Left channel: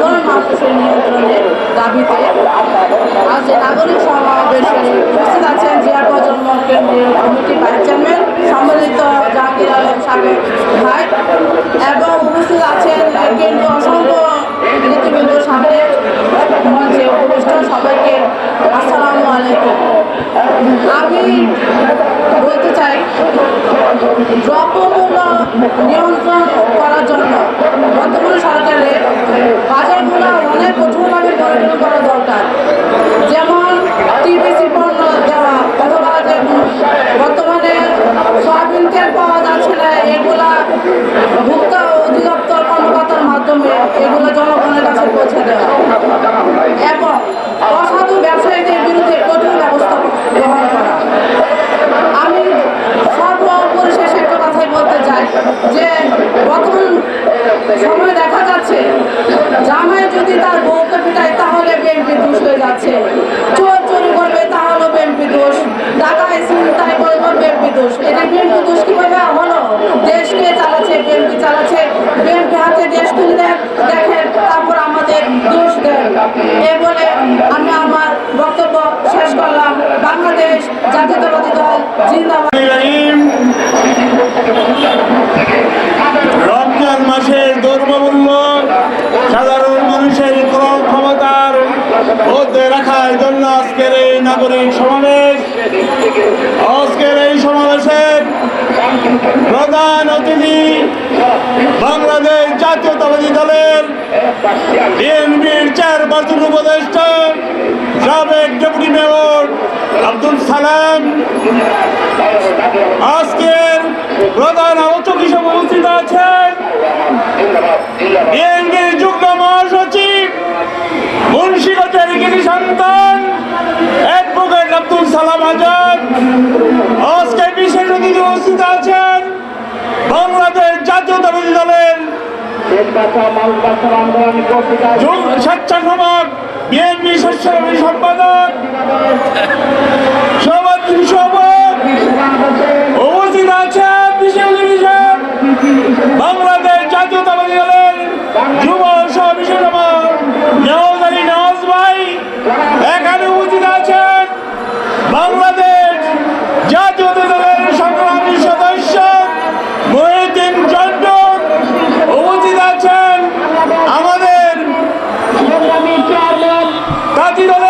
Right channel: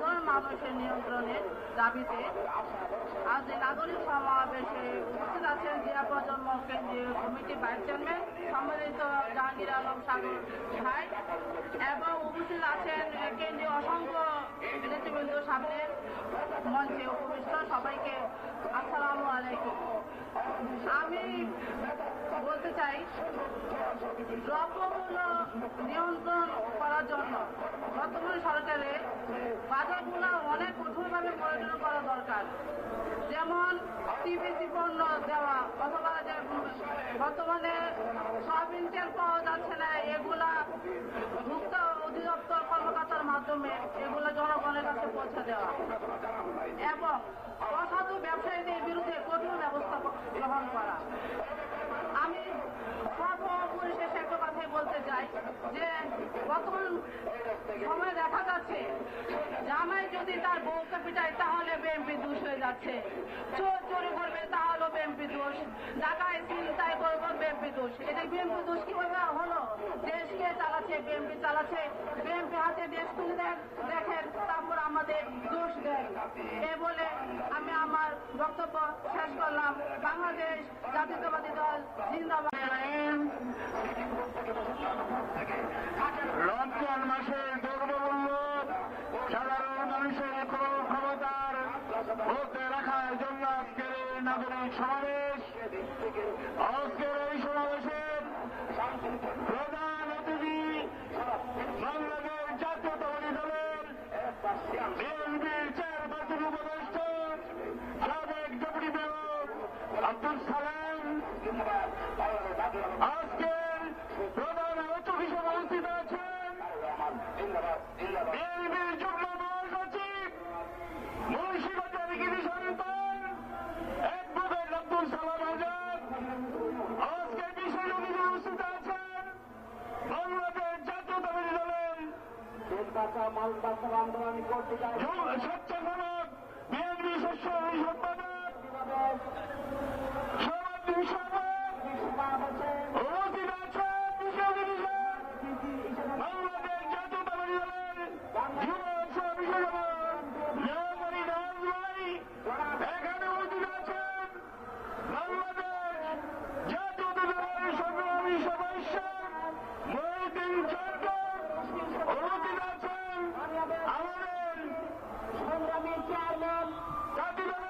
সাধারণ মানুষের নিয়ন্ত্রণে দাবিতে আজ নাগরিক সমাবেশে উপস্থিত আছেন জিয়া প্রজন্ম কেন্দ্রীয় কমিটির ভাইস চেয়ারম্যান সম্মিলিত জাহাঙ্গীর আলম সাবেক ভাই, এবং উপস্থিত আছেন কেন্দ্র অসংখ্য নেতৃবৃন্দ সাবেক মঞ্চে উপবিষ্ট সবাইকে আসসালামু আলাইকুম। আমি বলতে চাই, দ্রব্যমূল্য নিয়ন্ত্রণ করার জন্য বর্তমান সরকারের সময়ে দেখা যাচ্ছে, জামাই যদি তার বউকে পিটায়, তাহলে বিএনপি দোষ হয়ে যাচ্ছে। চোর চুরি করবে, তাহলে বিএনপি দোষ। ডাকায় চিন্তায় করবে বিএনপি দোষ। এটা বিএনপি দোষ কীভাবে হলো দেশকে চালাচ্ছে, বিএনপি চালাচ্ছে। বিএনপি হাতে দেশ তুলে দেখেন তারপর আমাদের দোষ দেন এ বলে আমি আমার বক্তব্য শেষ করলাম। বাংলাদেশ জাতীয়তাবাদী দল জিন্দাবাদ। মধ্যে রাখার জন্য আজকের এই নাগরিক সমাবেশ, আজকের এই সমাবেশের প্রধান অতিথি বাংলাদেশ জাতীয়তাবাদী দলের বিএনপির চেয়ারপারসন উপদেষ্টা, সাবেক ডেপুটি মেয়র আব্দুল সালাম। আজকের প্রধান আলোচক হিসেবে উপস্থিত আছেন বিএনপির আজকে বিশেষ অতিথি উপস্থিত আছেন বাংলাদেশ জাতীয়তাবাদী দলের স্বেচ্ছাসেবক বিএনপি স্বেচ্ছাসেবী সম্পাদক সভাপতি সভা tiro de